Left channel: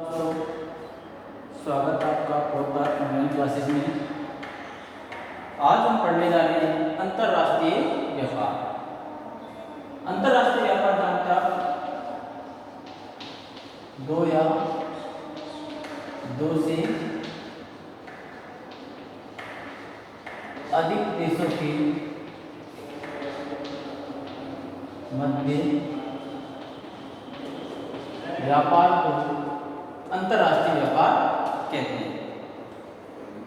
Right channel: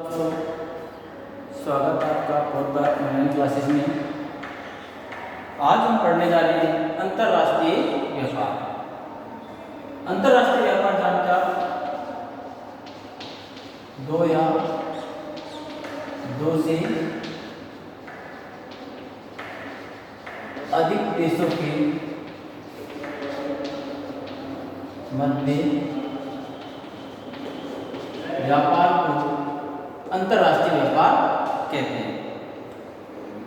दोस्तों, स्वागत है आपका पॉडकास्ट ऑनलाइन क्लासेस में। आज हम पढ़ने जा रहे हैं अंतर्राष्ट्रीय व्यापार। अंतर्राष्ट्रीय व्यापार जानते आप दो या दो से अधिक देशों के मध्य व्यापार को अंतर्राष्ट्रीय व्यापार कहते हैं।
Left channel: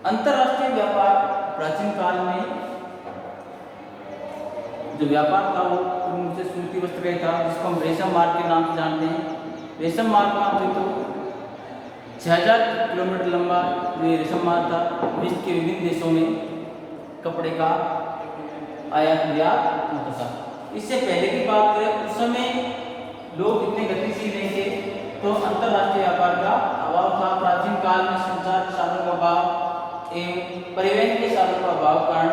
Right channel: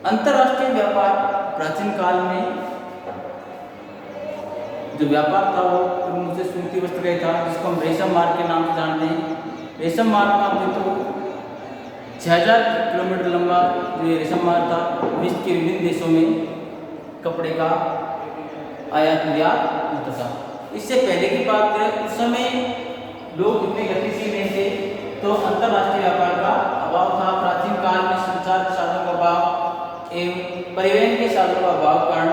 अंतर्राष्ट्रीय व्यापार प्राचीन काल में जो व्यापार था वो प्रमुख से सूती वस्त्र का था, जिसको हम रेशम मार्ग के नाम से जानते हैं। रेशम मार्ग का तो 6000 किलोमीटर लंबा जो ये रेशम मार्ग था, विश्व के विभिन्न देशों में कपड़े का आयात निर्यात होता था। इससे पहले की बात करें, उस समय लोग इतने गतिशील नहीं थे, तो अंतर्राष्ट्रीय व्यापार का अभाव था। प्राचीन काल में संचार के साधनों का अभाव एवं परिवहन के साधनों का अभाव कारण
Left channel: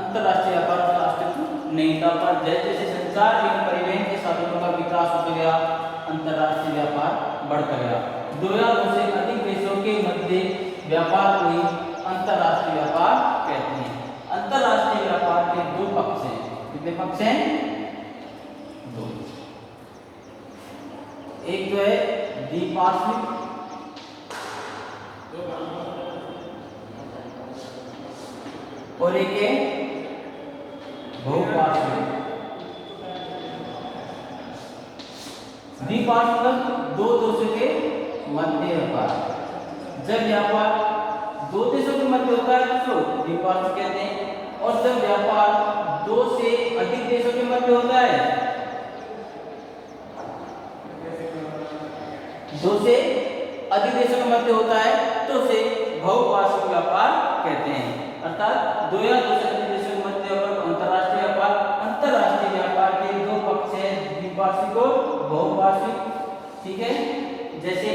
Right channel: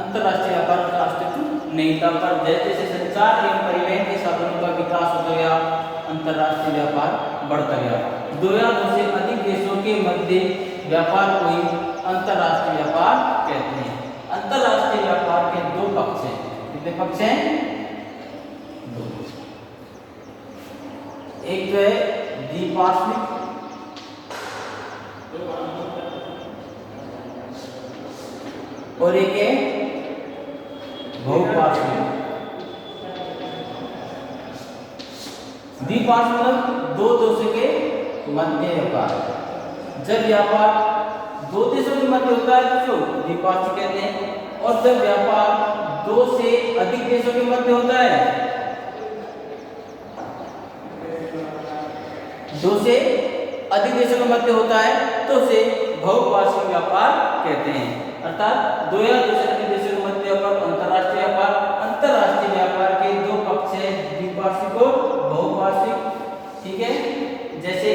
अंतर्राष्ट्रीय व्यापार का अस्तित्व नहीं था। पर जैसे जैसे संचार एवं परिवहन के साधनों का विकास होता गया, अंतर्राष्ट्रीय व्यापार बढ़ता गया। दो या दो से अधिक देशों के मध्य व्यापार को ही अंतर्राष्ट्रीय व्यापार कहते हैं। अंतर्राष्ट्रीय व्यापार के दो पक्ष हैं। कितने पक्ष हैं? दो। एक तो है द्विपार्श्विक और एक है बहुपार्श्विक। द्विपार्श्विक मतलब दो देशों के मध्य व्यापार। जब व्यापार दो देशों के मध्य होता है तो द्विपार्श्विक कहते हैं, और जब व्यापार दो से अधिक देशों के मध्य होता है, दो से अधिक देशों के मध्य होता है, तो उसे बहुपार्श्विक व्यापार कहते हैं। अर्थात दो या दो से अधिक देशों के मध्य व्यापार अंतर्राष्ट्रीय व्यापार। अंतर्राष्ट्रीय व्यापार के दो पक्ष हैं, द्विपार्श्विक और बहुपार्श्विक। ठीक है, जैसे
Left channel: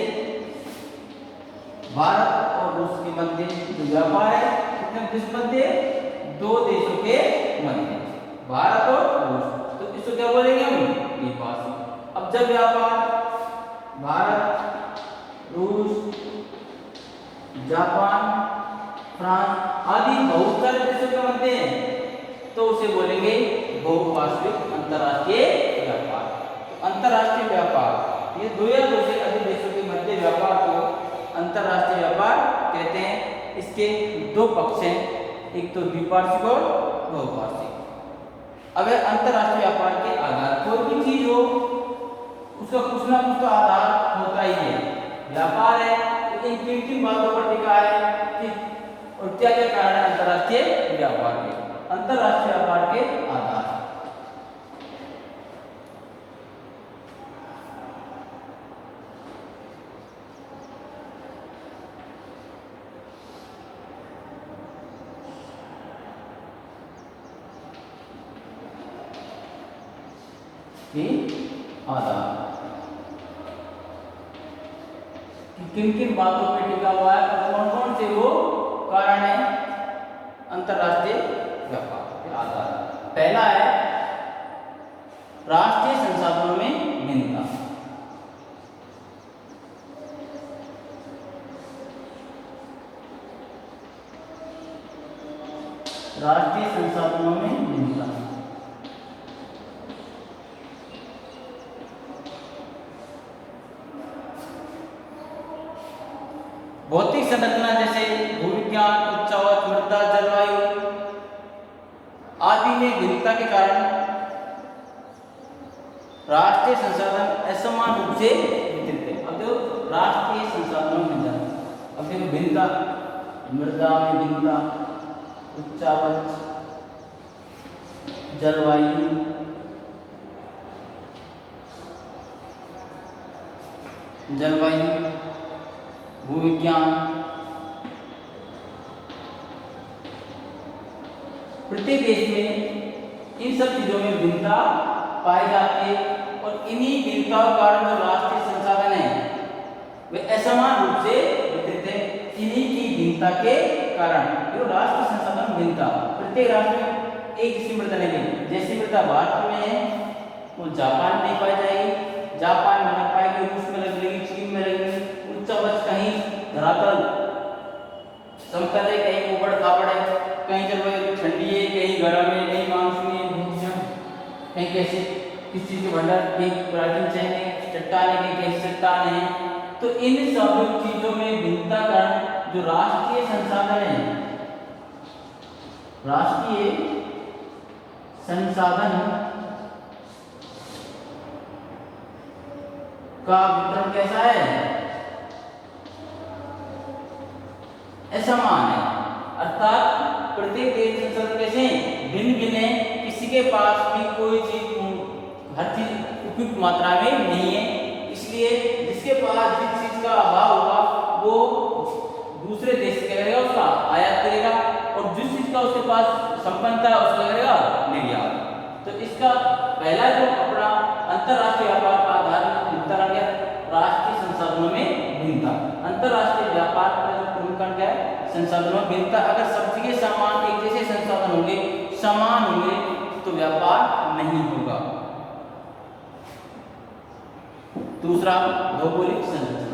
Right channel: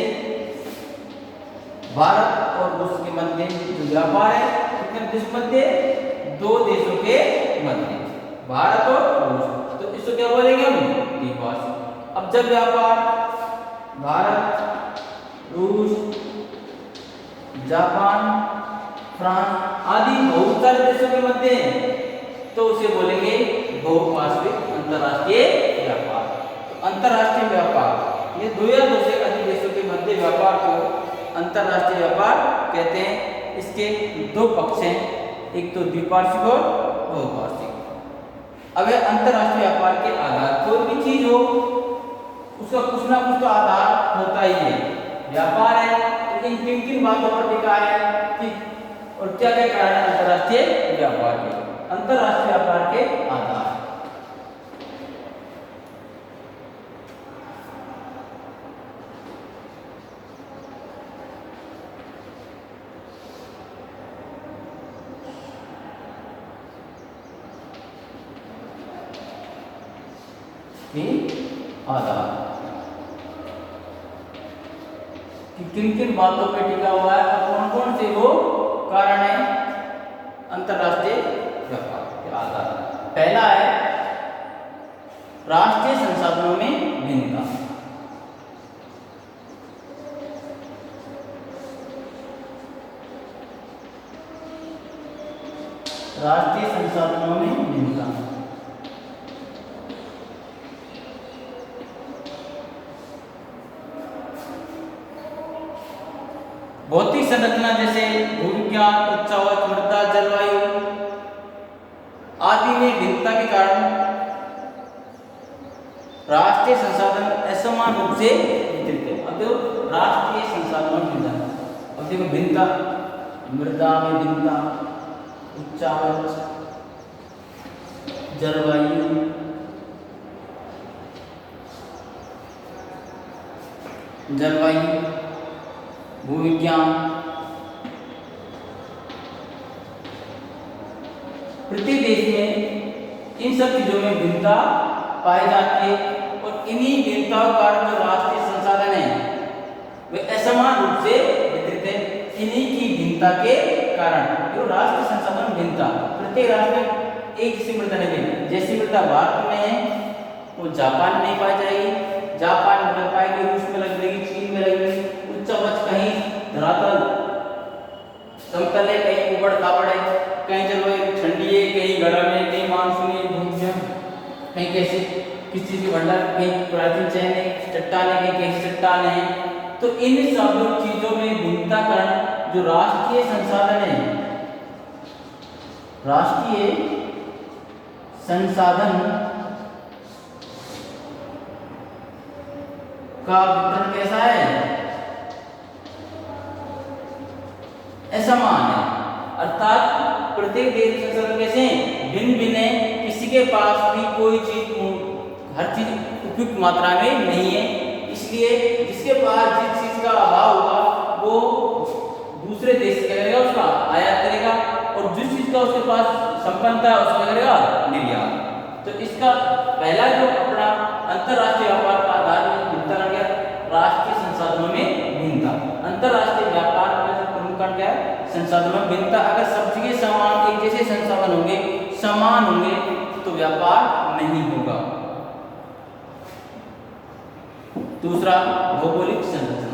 भारत और रूस के मध्य जो व्यापार है, कितने देशों के मध्य? दो देशों के मध्य, भारत और रूस। तो इसको क्या बोलेंगे हम? द्विपार्श्विक। अब जब व्यापार भारत, रूस, जापान, फ्रांस आदि बहुत सारे देशों के मध्य हैं, तो उसे बोलेंगे बहुपार्श्विक अंतर्राष्ट्रीय व्यापार। तो अंतर्राष्ट्रीय व्यापार ये दो या दो से अधिक देशों के मध्य व्यापार को अंतर्राष्ट्रीय व्यापार कहते हैं। इसके दो पक्ष हैं, एक तो द्विपार्श्विक और बहुपार्श्विक। अब अंतर्राष्ट्रीय व्यापार के आधार, कोई भी चीज हो उसका कुछ ना कुछ तो आधार होता ही है। व्यापार है तो इन किन किन बातों पर टिका है कि और क्या क्या कारण है अंतर्राष्ट्रीय व्यापार के? अंतर्राष्ट्रीय व्यापार के आधार किन किन बातों पे टिका हुआ है और कौन कौन से वो कारण है अंतर्राष्ट्रीय व्यापार के आधार। पहला है राष्ट्रीय संसाधनों में भिन्नता। राष्ट्रीय संसाधनों में भिन्नता। भौतिक संरचना जैसे भूविज्ञान, उच्चावच, मृदा, जलवायु आदि में भिन्नता के कारण राष्ट्रीय संसाधन असमान रूप से वितरित है। अब देखो राष्ट्रीय संसाधनों में भिन्नता, अब देखो भिन्नता, मृदा में भिन्नता, उच्चावच, जलवायु, भूविज्ञान, प्रति देश में इन सब चीजों में भिन्नता पाई जाती है, और इन्हीं भिन्नताओं के कारण जो राष्ट्रीय संसाधन है वे असमान रूप से वितरित है। इन्हीं की भिन्नता के कारण जो राष्ट्रीय संसाधन भिन्नता, प्रत्येक राष्ट्र में एक जैसी मृदा नहीं मिलेगी। जैसी मृदा भारत में है वो जापान में नहीं पाई जाएगी, जापान में पाएगी, रूस में लगेगी, चीन में लगेगी, कहीं कैसे किस चीज़ के भंडार, कहीं प्राचीन चयन है, चट्टाने के कहीं चट्टाने हैं। तो इन सब चीज़ों में भिन्नता कारण जो राष्ट्रीय संसाधन है, राष्ट्रीय संसाधन का वितरण कैसा है, असमान है। अर्थात प्रत्येक देश के संसाधन कैसे भिन्न भिन्न है, किसी के पास भी कोई चीज हर चीज उपयुक्त मात्रा में नहीं है। इसलिए जिसके पास जिस चीज का अभाव होगा वो दूसरे देश से क्या करेगा, उसका आयात करेगा, और जिस चीज का उसके पास संपन्नता है उसका करेगा निर्यात। तो इसका पहला जो अपना अंतरराष्ट्रीय व्यापार का आधार भिन्नता क्या, राष्ट्रीय संसाधनों में भिन्नता। अंतरराष्ट्रीय व्यापार का जो प्रमुख कारण क्या है, संसाधनों में भिन्नता। अगर सब चीजें समान एक जैसे संसाधन होंगे, समान होंगे, तो व्यापार नहीं होगा। दूसरा भौगोलिक संरचना।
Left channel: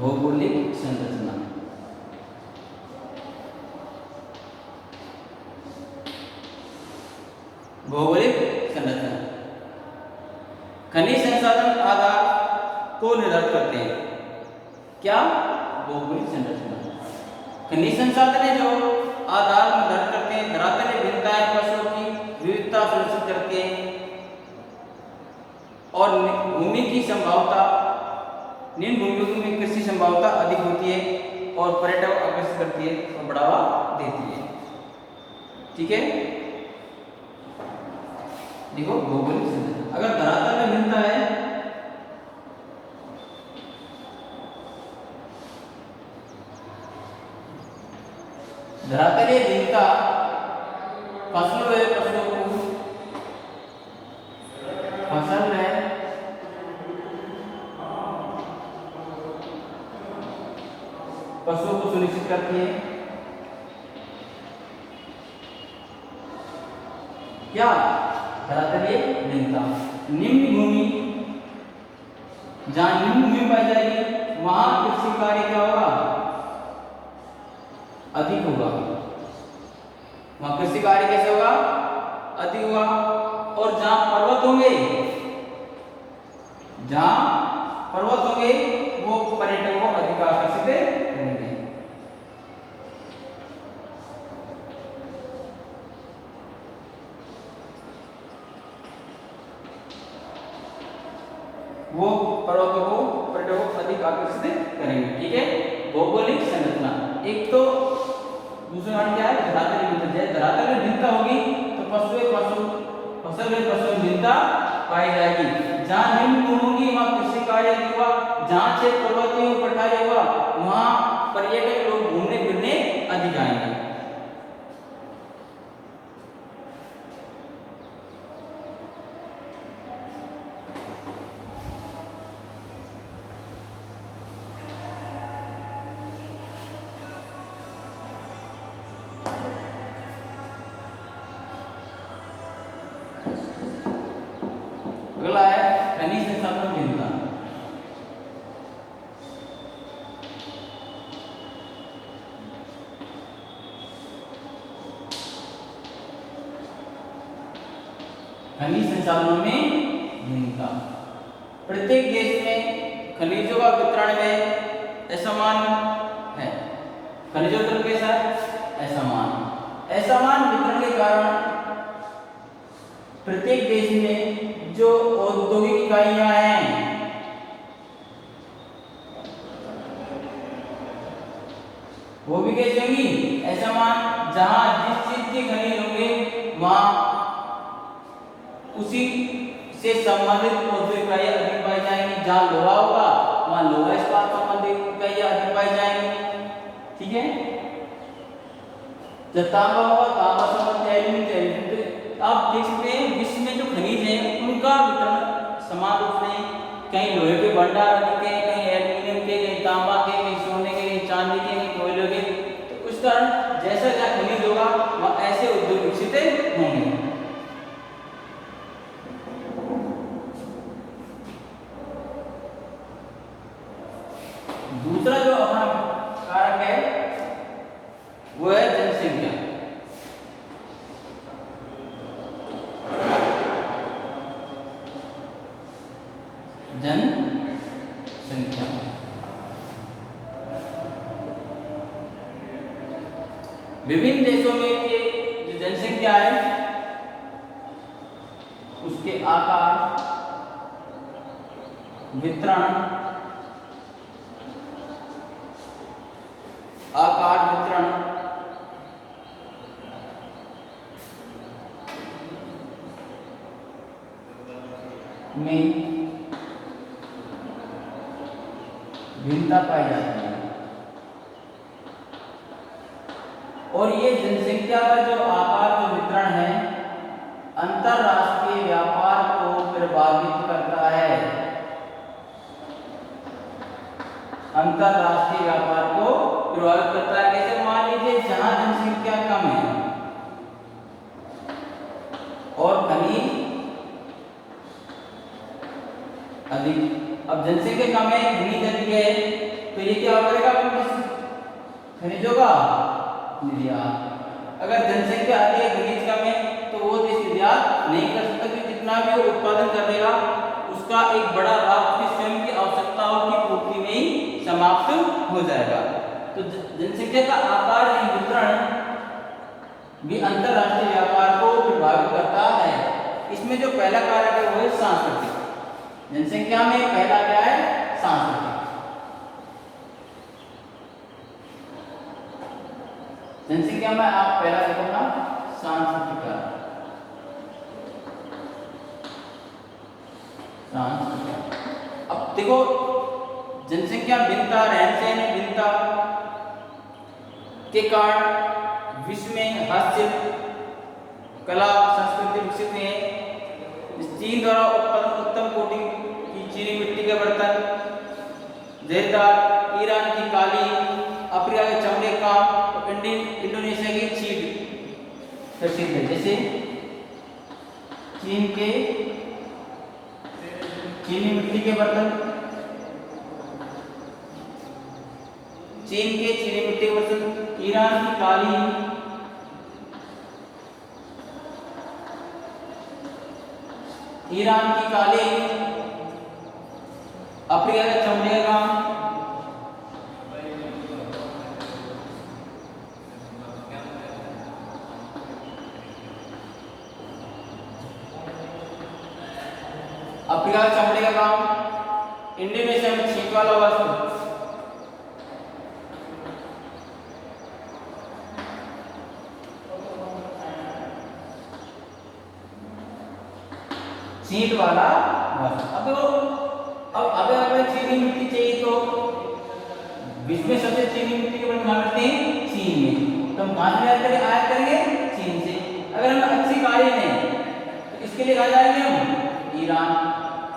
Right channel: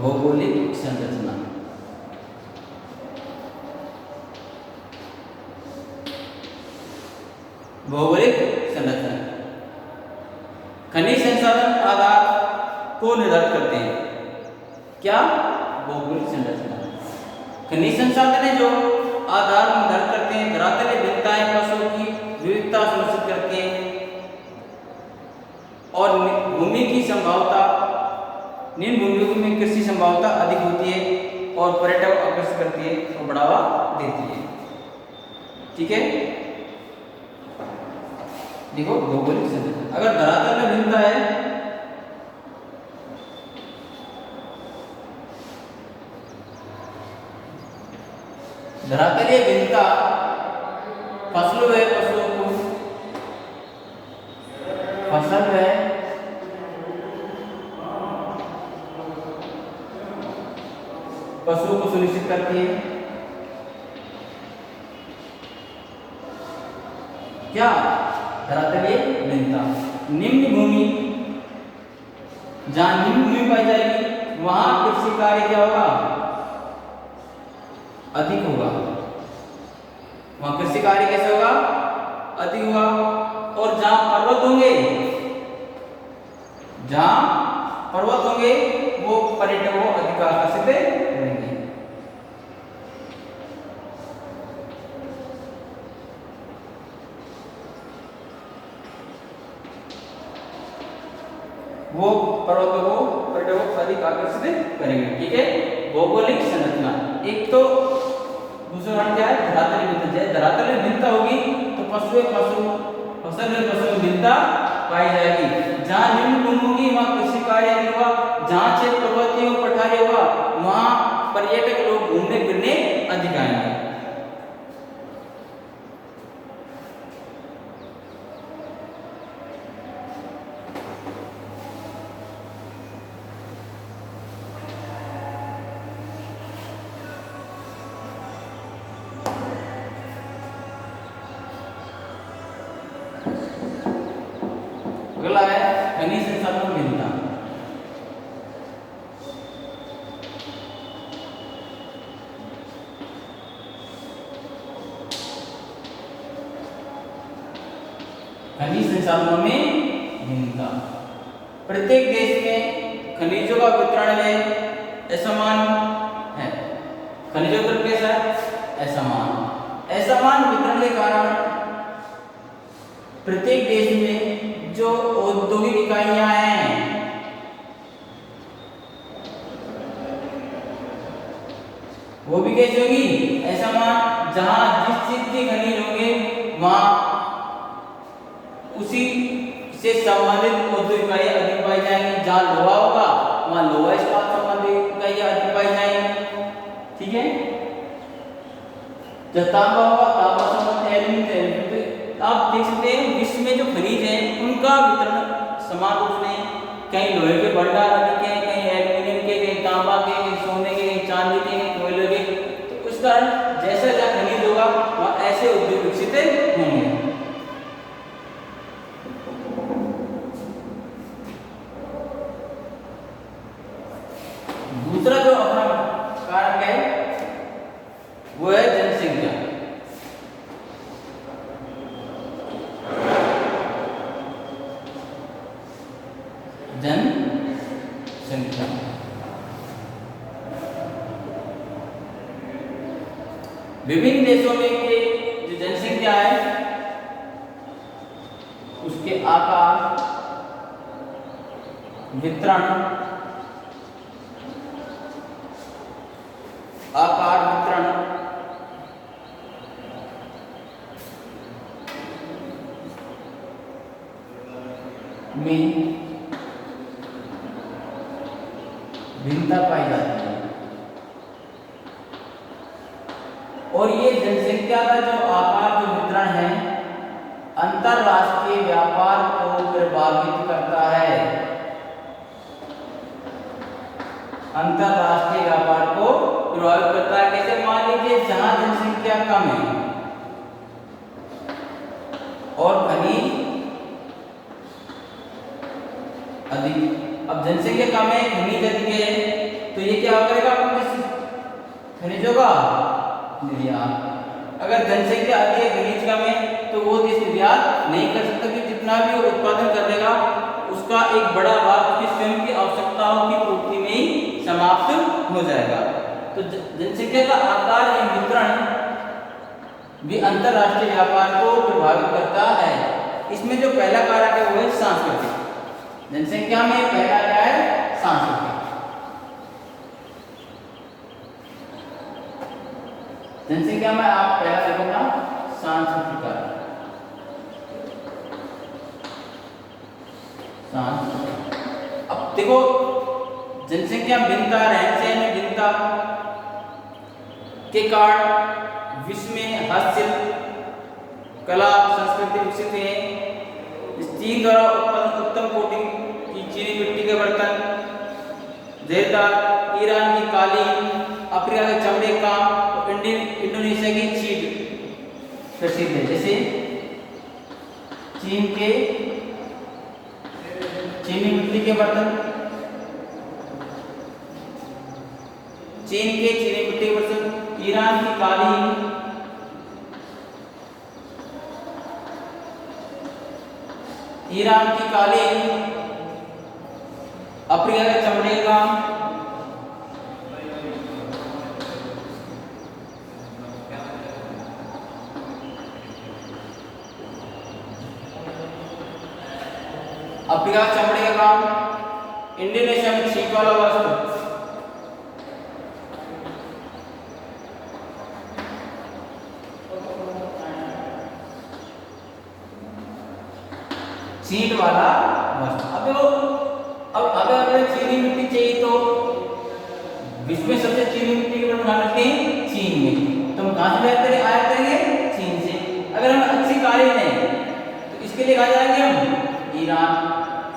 भौगोलिक संरचना भौगोलिक संरचना खनिज संसाधन आधार को निर्धारित करते हैं। क्या? भौगोलिक संरचना खनिज संसाधन है जो आधार निर्धारित करते हैं, धरातलीय भिन्नताएं फसलों की विविधता सुनिश्चित करते हैं, और भूमि की संभावता, निम्न भूमियों में कृषि संभावता अधिक होती है, और पर्यटक आकर्षित करती है और बढ़ावा देती है। ठीक है, देखो भौगोलिक संरचना। अगर धरातल में भिन्नता है, धरातलीय भिन्नता फसलों है, फसलों को फसल है, पशुओं को सुनिश्चित करती है। क्या? धरातलीय भिन्नता। निम्न भूमि, जहां निम्न भूमि पाई जाएगी वहां कृषि कार्य क्या होगा, अधिक होगा। वहां कृषि कार्य कैसे होगा, अधिक होगा। और जहां पर्वत होंगे, जहां पर्वत होंगे वो पर्यटकों को अधिक आकर्षित करेंगे। वो पर्वतों को पर्यटकों को अधिक आकर्षित करेंगे। ठीक है, भौगोलिक संरचना। एक तो दूसरा कारण क्या है, धरातलीय भिन्नता। धरातलीय भिन्नता होगी तो फसल में भिन्नता पाई जाएगी। जहाँ निम्न भूमि होगी वहाँ कृषि कार्य नहीं होगा, जहाँ क्षेत्र पर्वतीय और पठारी होगा वहाँ पर्यटक लोग घूमने फिरने अधिक आएंगे। अगला है खनिज संसाधन भिन्नता। खनिज संसाधनों में भिन्नता। प्रत्येक देश में खनिजों का वितरण में असमान है। खनिजों का वितरण कैसा है, असमान। असमान वितरण के कारण प्रत्येक देश में जो औद्योगिक इकाइयां हैं वो भी कैसे होगी, असमान। जहां जिस चीज के खनिज होंगे वहां उसी से संबंधित औद्योगिक इकाइयां अधिक पाई जाएंगी। जहां लोहा होगा वहां लोहा इस्पात संबंधित इकाइयां अधिक पाई जाएंगी। ठीक है, जब तांबा होगा तांबा संबंधित एल्यूमीनियम। आप देख सकते हैं विश्व में जो खनिज हैं उनका वितरण समान रूप में, कहीं लोहे के भंडार अधिक है, कहीं एल्यूमिनियम के, कहीं तांबा के, कहीं सोने के, कहीं चांदी के, कहीं कोयले के। तो उस कारण जैसा जहाँ खनिज होगा वहाँ ऐसे उद्योग विकसित होंगे। दूसरा जो अपना कारक है वो है जनसंख्या। विभिन्न देशों में के जो जनसंख्या है उसके आकार, वितरण, में भिन्नता पाई जाती है। और ये जनसंख्या का जो आकार, जो वितरण है, अंतरराष्ट्रीय व्यापार को प्रभावित करता है। अंतरराष्ट्रीय व्यापार को प्रभावित करता है। कैसे? मान लीजिए जहां जनसंख्या कम है और खनिज अधिक। अब जनसंख्या कम है, खनिज अधिक है, तो ये क्या करेगा? खनिजों का निर्यात। अगर जनसंख्या अधिक है, खनिज कम है, तो वो देश निर्यात नहीं कर सकता, क्योंकि जितना भी वो उत्पादन कर देगा उसका एक बड़ा भाग उसकी स्वयं की आवश्यकताओं की पूर्ति में ही समाप्त हो जाएगा। तो जनसंख्या का आकार एवं वितरण भी अंतरराष्ट्रीय व्यापार को प्रभावित करता है। इसमें जो पहला कारक है वो है सांस्कृतिक। जनसंख्या में पहला क्या है? सांस्कृतिक। जनसंख्या में आप पहला देखो ना, सांस्कृतिक कारक। अब देखो जनसंख्या भिन्नता, रहन सहन में भिन्नता के कारण विश्व में हस्तशिल्प, कला, संस्कृति विकसित है। चीन द्वारा उत्तम कोटि की चीनी मिट्टी के बर्तन, जरदार, ईरान की कालीन, अफ्रीका के चमड़े का, इंडोनेशिया की चीड़ प्रसिद्ध है। जैसे चीन के चीनी मिट्टी के बर्तन, चीन के चीनी मिट्टी के बर्तन, ईरान की कालीन, अफ्रीका के चमड़े का, चमड़े का काम, इंडोनेशिया में छींक वाला वस्त्र, छींट वाला वस्त्र। अब देखो, अब अगर चीनी मिट्टी चाहिए तो विश्व में सबसे चीनी मिट्टी के बर्तन मिलते हैं चीन में, तो हम कहां से आयात करेंगे? चीन से। अगर हमें अच्छी कालीन है तो इसके लिए कहा जाएंगे हम ईरान।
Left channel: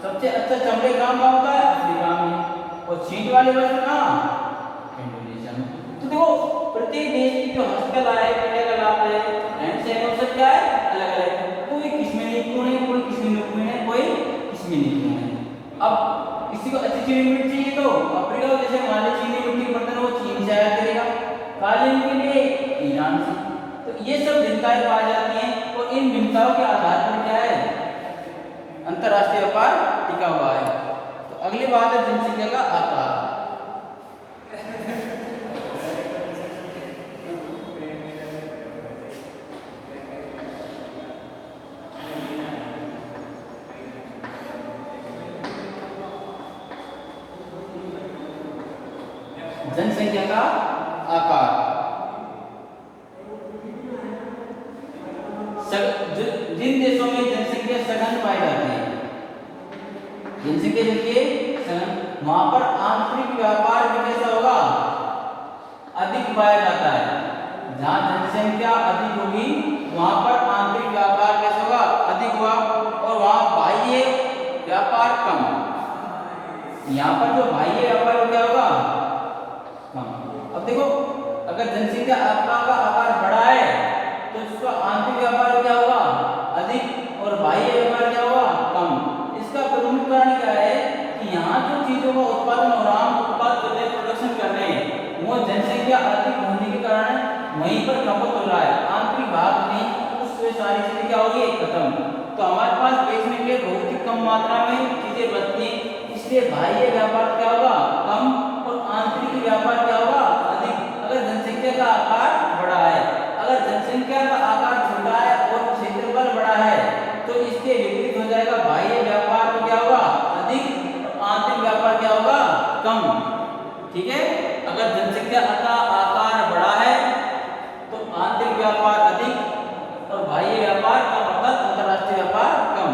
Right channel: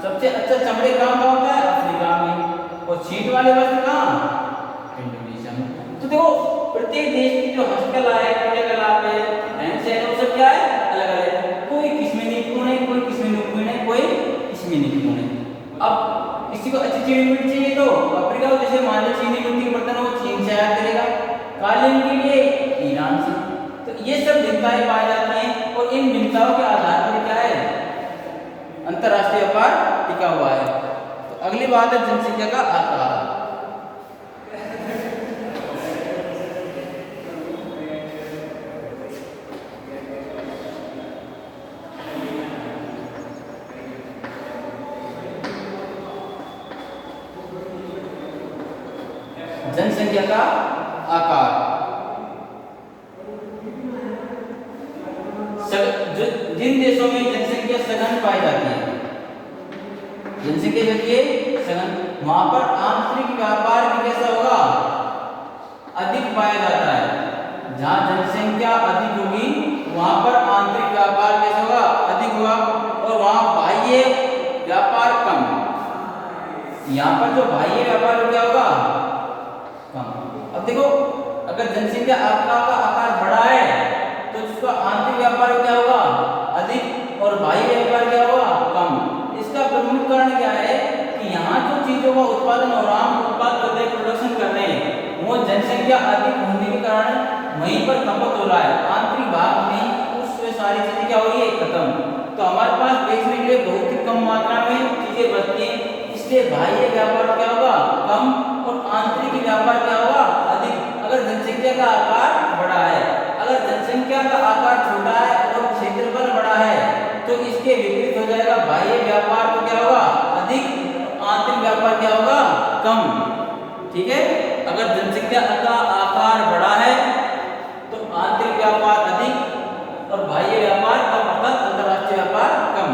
सबसे अच्छा चमड़े कहाँ होता है? अफ्रीका में। और छींट वाले वस्त्र कहाँ? इंडोनेशिया में। तो देखो प्रत्येक देश की जो हस्तकला है, कलाकृति है, रहन सहन, वो सब क्या है? अलग अलग है। कोई किसमें निपुण है, कोई किसमें निपुण है, कोई किसमें निपुण है। अब किसी को अच्छी चीनी मिट्टी चाहिए तो अफ्रीका को, जैसे मान लीजिए चीनी मिट्टी के बर्तन वो चीन से आयात करेगा, कालीन के लिए ईरान से। तो ये सब भिन्नताएं पाई जाती हैं और इन भिन्नताओं के आधार पर क्या है? अंतरराष्ट्रीय व्यापार टिका हुआ है। तो अगली बात है जनसंख्या का आकार। जनसंख्या का आकार जिन देशों में जनसंख्या सघन पाई जाती है, जनसंख्या देखिए सघन, वहां पर आंतरिक व्यापार भी कैसा होगा? अधिक पाया जाता है। जहां जनसंख्या अधिक होगी वहां पर आंतरिक व्यापार कैसा होगा? अधिक होगा। और वहां बाह्य व्यापार कम। यहाँ पर जो बाह्य व्यापार क्या होगा? कम। अब देखो अगर जनसंख्या का आकार बड़ा है तो उसका आंतरिक व्यापार क्या होगा? अधिक, और बाह्य व्यापार क्या होगा? कम। इसका प्रमुख कारण क्या है कि यहाँ जो चीजों का उत्पादन हो रहा है, प्रोडक्शन कर रहे हैं, वो जनसंख्या अधिक होने के कारण वहीं पर खपत हो रहा है। आंतरिक भाग में उसमें सारी चीजें क्या हो रही है? खत्म। तो हमारे पास देखने के लिए बहुत ही कम मात्रा में चीजें बचती हैं। इसलिए बाह्य व्यापार क्या होगा, कम, और आंतरिक व्यापार क्या होगा, अधिक। अगर जनसंख्या का आकार बड़ा है, अगर जनसंख्या का आकार छोटा है और क्षेत्रफल बड़ा है तो इसके विपरीत हो जाएगा, बाह्य व्यापार तो क्या होगा, अधिक, आंतरिक व्यापार क्या होगा, कम। ठीक है, अगर जनसंख्या का आकार बड़ा है तो आंतरिक व्यापार अधिक और बाह्य व्यापार कम, अर्थात अंतरराष्ट्रीय व्यापार कम।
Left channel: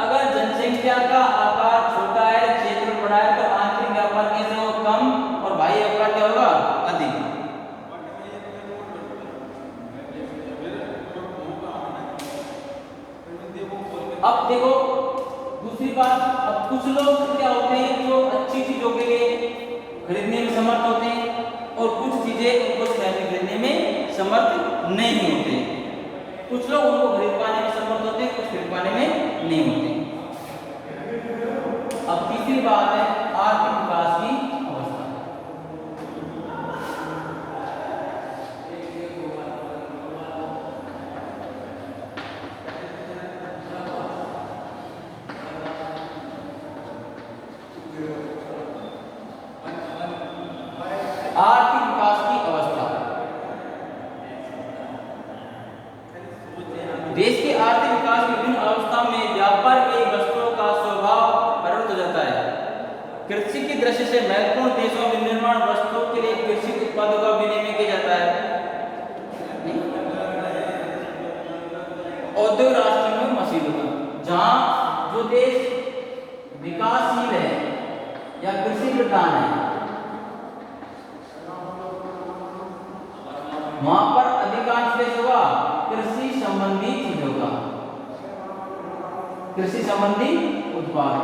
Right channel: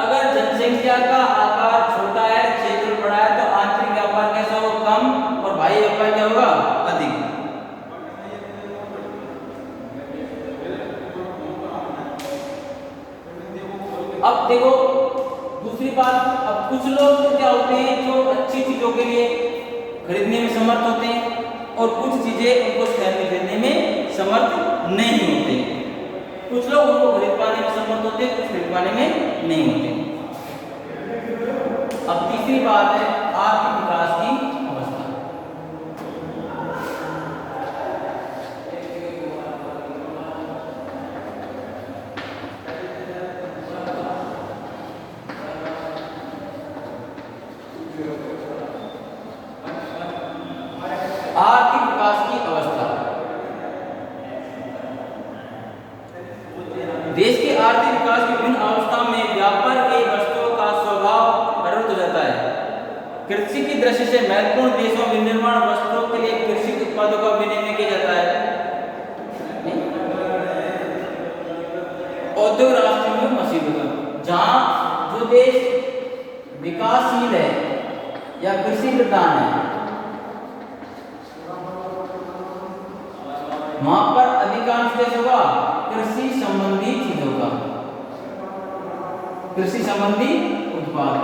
अगर जनसंख्या का आकार छोटा है, क्षेत्र बड़ा है तो आंतरिक व्यापार कैसा होगा, कम, और बाह्य व्यापार क्या होगा, अधिक। अब देखो दूसरी बात, अब कुछ लोग क्या होते हैं जो अच्छी चीजों के लिए खरीदने में समर्थ होते हैं और कुछ चीजें उनको खरीदने में समर्थ नहीं होते। कुछ लोग उनको खरीद पाने में समर्थ होते हैं, कुछ खरीद पाने में नहीं होते। अब तीसरी बात है आर्थिक विकास की अवस्था। आर्थिक विकास की अवस्था, देश के आर्थिक विकास की विभिन्न अवस्था में व्यापार के वस्तुओं का स्वभाव परिवर्तित हो जाता है। कृषि की दृष्टि से महत्वपूर्ण देशों में विनिर्माण वस्तुओं के लिए कृषि उत्पादों का विनिमय किया जाता है। औद्योगिक राष्ट्र में मशीनों, जहां जो देश विकासशील है या कृषि प्रधान है वहां पर अधिकांश देश होगा कृषि संबंधी चीजों का, कृषि संबंधी उत्पाद।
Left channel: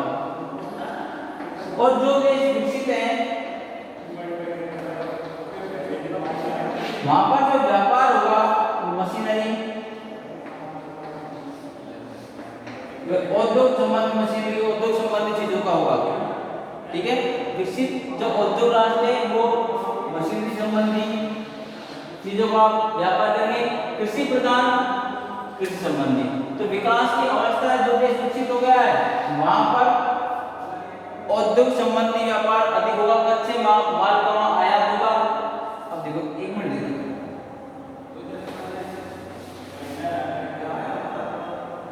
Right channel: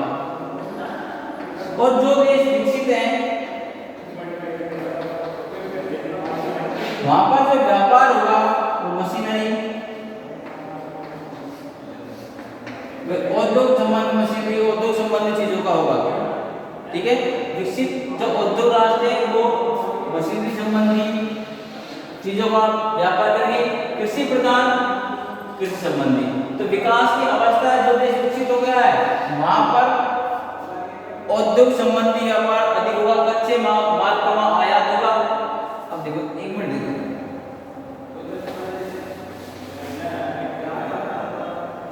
और जो देश विकसित हैं वहां पर जो व्यापार होगा वो मशीनरी, उद्योग संबंधी मशीनरी, उद्योग संबंधी चीजों का होगा। ठीक है, विकसित जो उद्योग राष्ट्र है वो मशीनरी संबंधी चीजों का व्यापार करेंगे, कृषि प्रधान कृषि संबंधी। तो विकास की अवस्था जो देश विकसित हो गया है वहां पर औद्योगिक संबंधी व्यापार अधिक होगा, कच्चे माल का वहां आयात होगा। अब देखो एक मिनट देखो,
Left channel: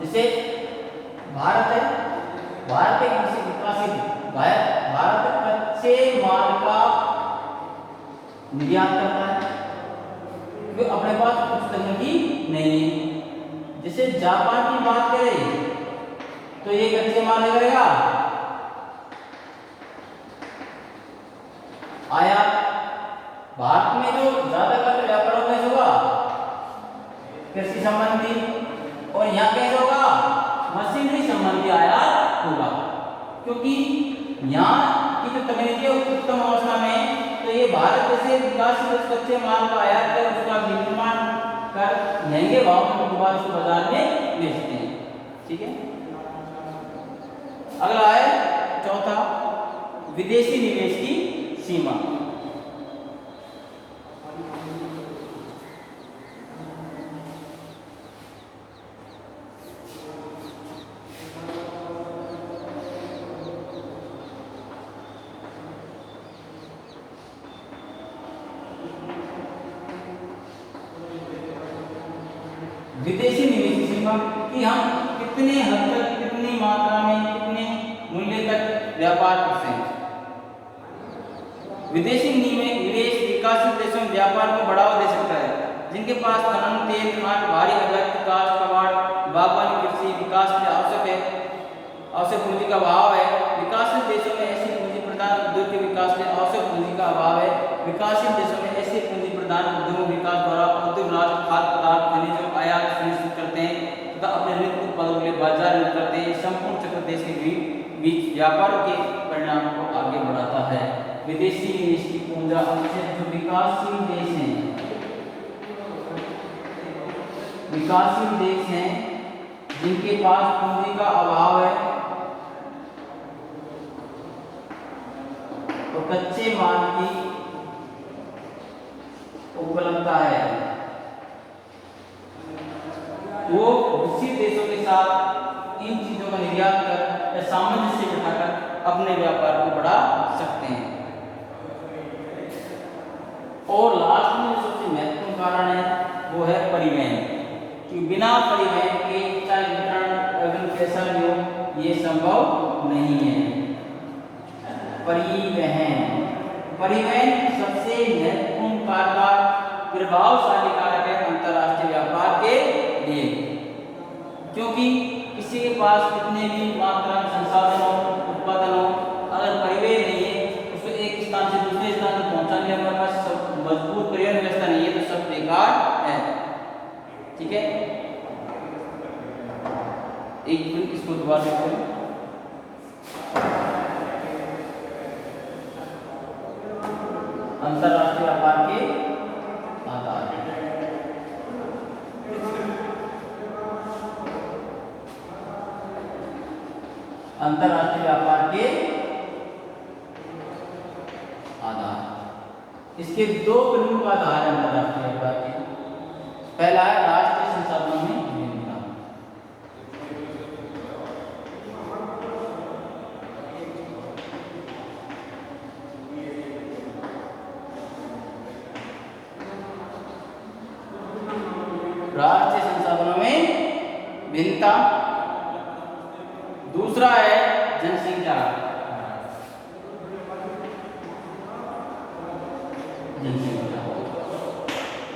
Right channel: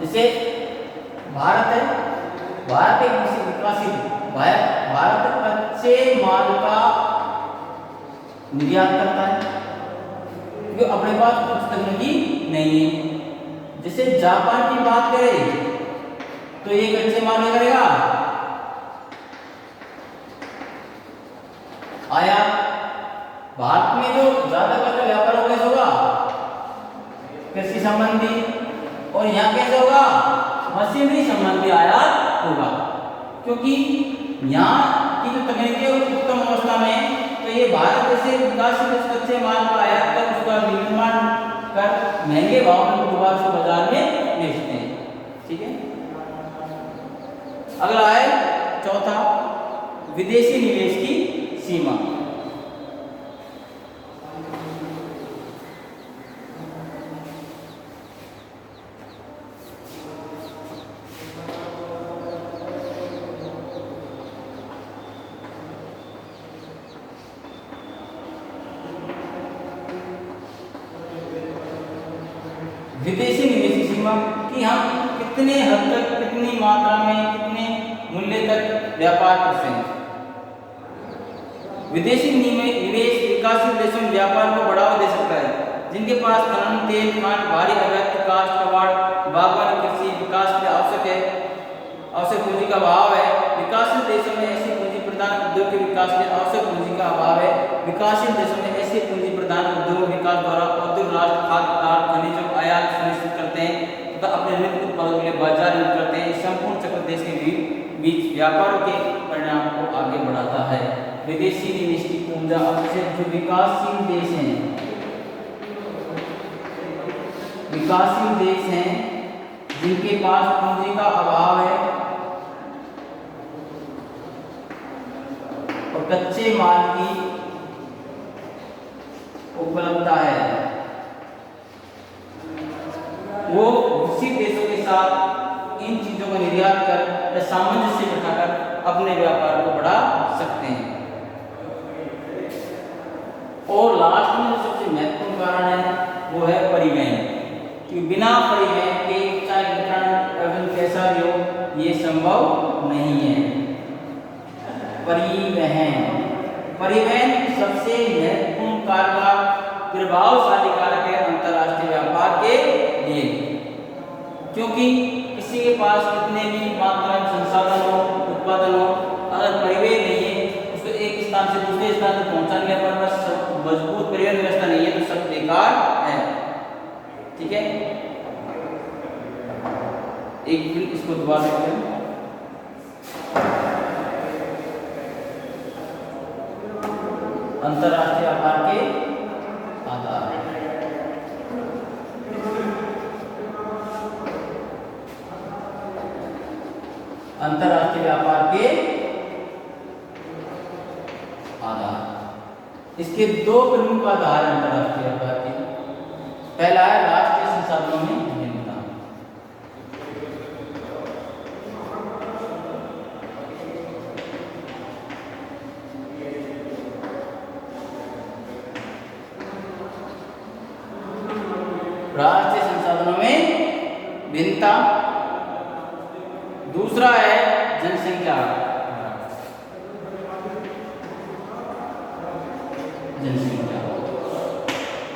जैसे भारत है, भारत एक विकासशील, भारत कच्चे माल का निर्यात करता है क्योंकि अपने पास कुछ तकनीकी नहीं है। जैसे जापान की बात करें तो ये कच्चे माल क्या करेगा, आयात। भारत में जो ज्यादातर जो व्यापार होगा कैसे होगा, कृषि संबंधी, और यहाँ कैसे होगा, मशीनरी संबंधी आयात होगा क्योंकि यहाँ की जो तकनीकी उत्तम अवस्था में है। तो ये भारत जैसे विकासशील कच्चे माल का आयात कर उसका निर्माण कर महंगे भाव में दोबारा से बाजार में बेचते हैं। ठीक है, अगला है चौथा, विदेशी निवेश की सीमा। विदेशी निवेश की सीमा कि हम कितने हद तक, कितनी मात्रा में, कितने मूल्य तक व्यापार कर सकते हैं। विदेशी निवेश विकासशील देशों में व्यापार को बढ़ावा दे सकता है जिनके पास खनन, तेल, खान, भारी अवैध काष्ठ, कबाड़, बागवानी, कृषि विकास में आवश्यक पूंजी का अभाव है। विकासशील देशों में ऐसी पूंजी प्रदान उद्योग के विकास में आवश्यक पूंजी का अभाव है। विकासशील देशों में ऐसे पूंजी प्रदान उद्योग विकास द्वारा उद्योग राष्ट्र खाद्य पदार्थ, खनिजों आयात सुनिश्चित करते हैं तथा अपने नित्य उत्पादों के लिए बाजार निर्मित करते हैं। संपूर्ण चक्र देश के बीच व्यापारों के परिणाम को आगे बढ़ाता है। विदेशी निवेश की पूंजा जो विकासशील देश हैं, विकासशील देश हैं जिनके पास पूंजी का अभाव है और कच्चे माल की उपलब्धता है, वो विकसित देशों के साथ इन चीजों को निर्यात कर सामंजस्य बिठाकर अपने व्यापार को बढ़ा सकते हैं। और लास्ट में जो सबसे महत्वपूर्ण कारण है वो है परिवहन, कि बिना परिवहन के चाहे वितरण एवं कैसा भी हो ये संभव नहीं है। परिवहन सबसे महत्वपूर्ण कारक, प्रभावशाली कारक है अंतर्राष्ट्रीय व्यापार के लिए, क्योंकि किसी के पास कितने भी मात्रा में संसाधन हो, उत्पादन हो, अगर परिवहन नहीं है उसको एक स्थान से दूसरे स्थान तक पहुंचाने के हमारे पास मजबूत परिवहन व्यवस्था नहीं है तो सब बेकार है। ठीक है, एक मिनट इसको दोबारा देखते हैं। अंतर्राष्ट्रीय व्यापार के आधार, अंतर्राष्ट्रीय व्यापार के आधार, इसके दो प्रमुख आधार हैं अंतर्राष्ट्रीय व्यापार के। पहला है राष्ट्रीय संसाधनों में विभिन्नता, राष्ट्रीय संसाधनों में भिन्नता। दूसरा है जनसंख्या,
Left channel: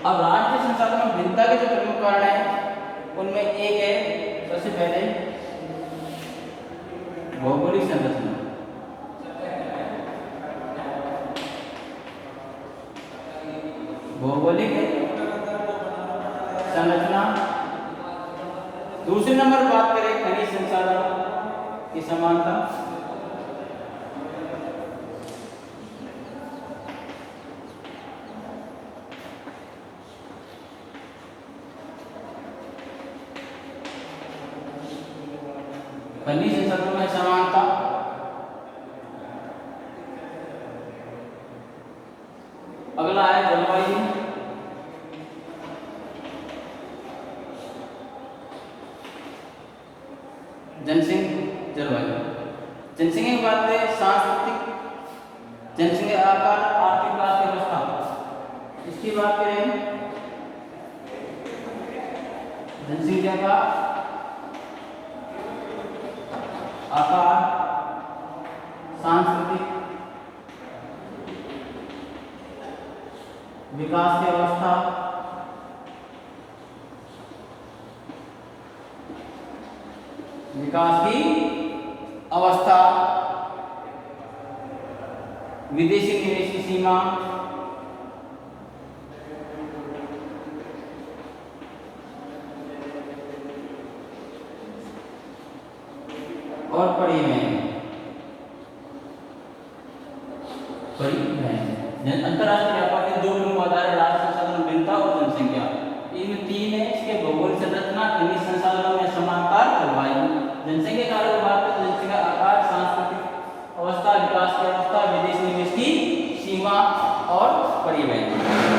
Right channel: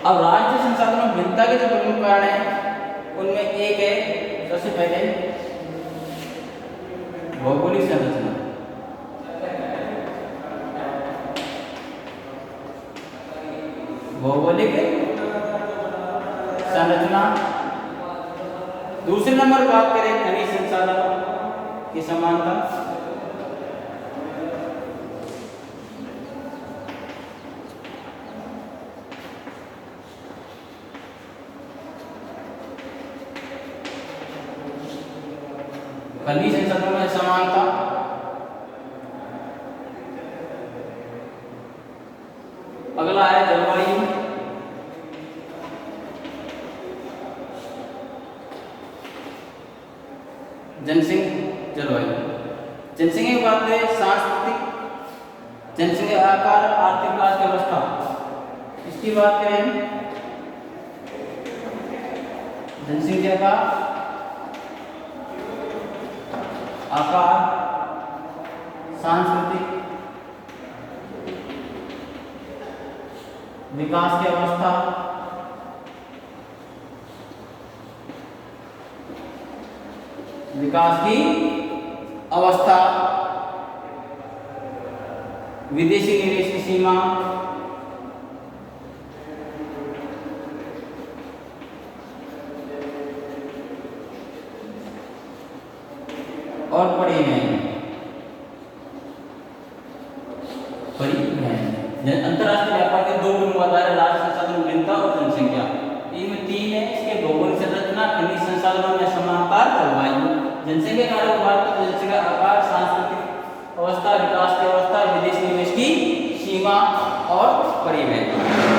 अब राष्ट्रीय संसाधनों में भिन्नता के जो प्रमुख कारण है उनमें एक है सबसे पहले भौगोलिक संरचना, भौगोलिक संरचना। दूसरे नंबर बात करें खनिज संसाधनों की समानता, खनिज संसाधनों में समानता। अगला है जलवायु, जनसंख्या, जलवायु। जनसंख्या की बात करें सांस्कृतिक, जनसंख्या आकार, आर्थिक विकास की अवस्था, इसकी बात करें हम जनसंख्या का आकार, सांस्कृतिक विकास की अवस्था, विकास की अवस्था, विदेशी निवेश की सीमा, और परिवहन। अंतर्राष्ट्रीय व्यापार के दो मुख्य आधार है, राष्ट्रीय संसाधन भिन्नता और जनसंख्या। इनमें तीन है, इसके भौगोलिक संरचना, खनिज संसाधनों में समानता, जलवायु। जनसंख्या के बारे में बात करें तो जनसंख्या आकार, सांस्कृतिक अवस्था, विकास की अवस्था, विदेशी निवेश की सीमा और परिवहन।